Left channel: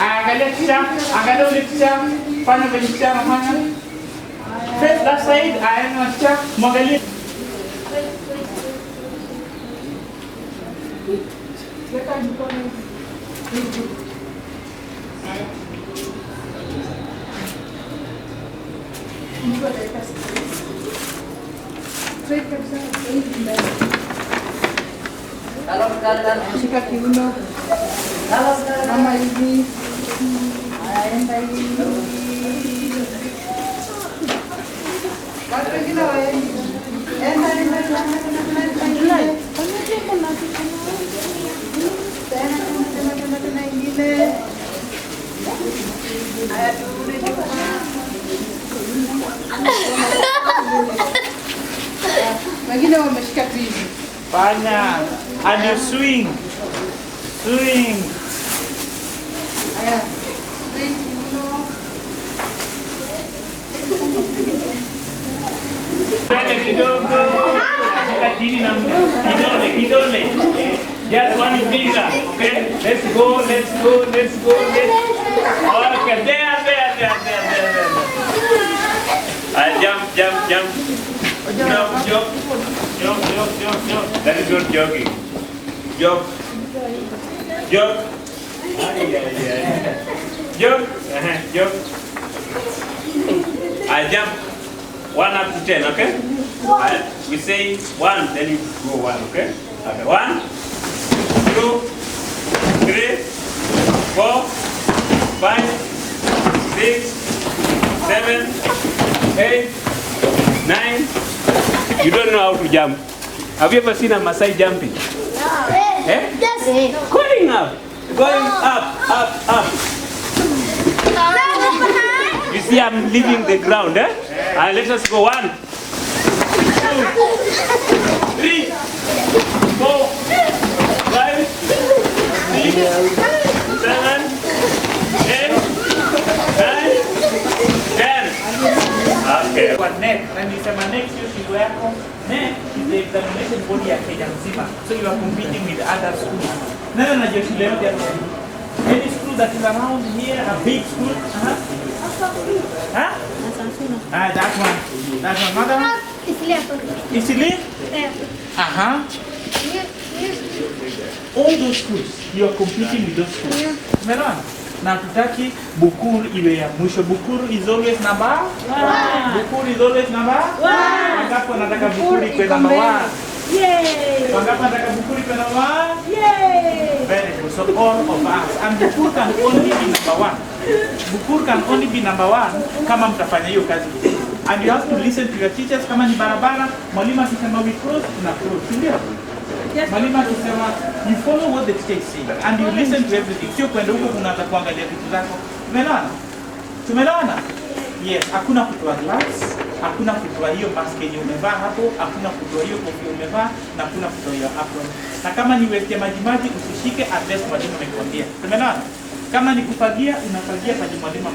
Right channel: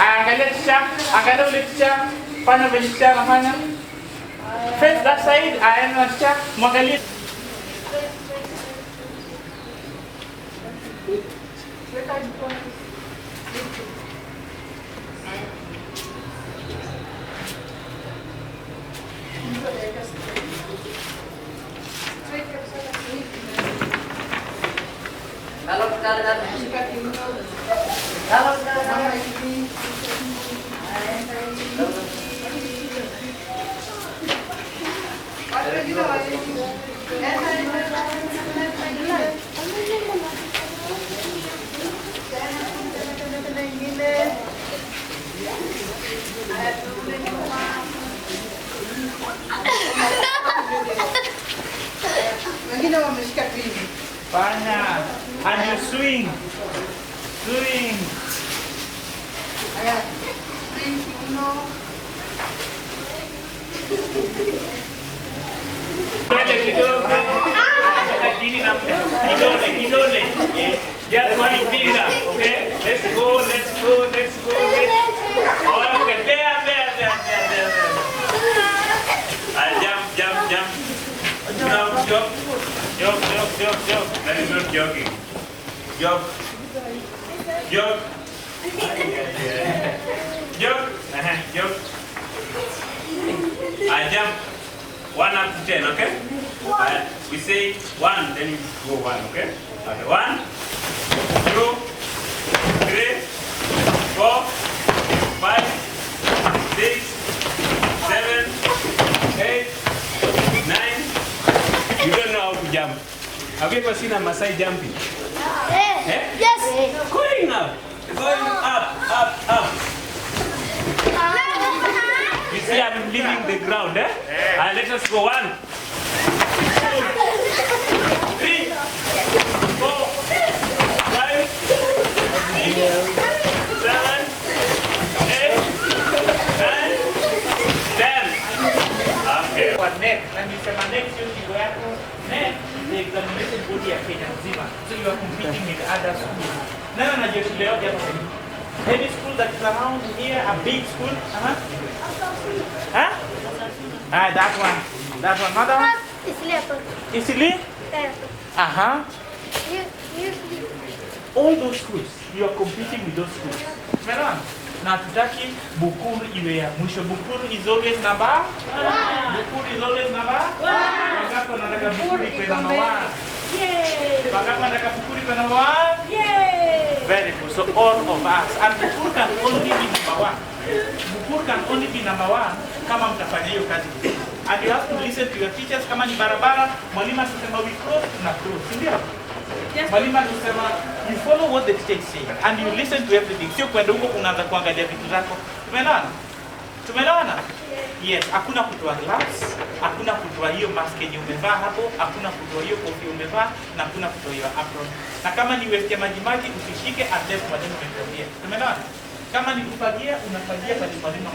Angalia kisha, angalia ule kisha, fanya vile kisha anafanya. Face that side, aenda kisha, mwangalie. Shika kiuno. Mama hivi. Aenda hivi. Watu wengine waende. Enda. Wengine wameshika hivi. Fanya. And you swing. Swing. Pele kidogo. Shika chini na kidole. Just one finger, okay? Let's go. Okay, there. Jump. Now, jump. That is not jogging. Jump. Jump. I jump 1 up to 10, okay? We say 1, then you go 1, okay? Okay, 1, 2, 3, 4, 5, 6, 7, 8, 9. You don't know how to jump. Have you ever seen a Maasai jumping? Yes. Going up. You see, I'm leaving the ground, eh? Let us go 1, 2, 3, 4, 5, 6, 7, 8, 9, 10. Okay. Kwa neck, na nisema neck sio kitu yako. Neck is the examination body ya Kenya mzima. So you are competing with other schools. Nana najua shule yote hapa. Any school that is around here, a big school? Huh? That one. Another one? Isili? All those schools, you are competing with those schools. Umeelewana? Na tutaki Bukuru iwe ya mwisho. Bukuru is always number 1. Bukuru is always number 1. Wangapi wanataka Bukuru ikuwe number 1? Yay! Wangapi wanataka Bukuru ikuwe number 1? Yay! Very good. So all of us. And Bukuru can only be number 1. Bukuru can only be number 1 kama mtafanya hiyo kazi vizuri. And you have to listen to your teachers. Kama ni barabara, mwalimu akisema we cross, una cross. Si ndio? Mwalimu akisema you follow what the teacher is saying and you listen to everything. Sio kwenda huko kunaanza kuangalia vitu zako. Tumeelewana? Yes, hakuna kutoa glass, hakuna kutoa hiyo mask yenye umevaa hapo, hakuna kutoa hiyo kofia umevaa, na hakuna kutoa hiyo apron. Na kama ni waste ya maji usishike unless mwalimu amekwambia. Tumeelewana? Kama ni kufagia, unafagia pale mwalimu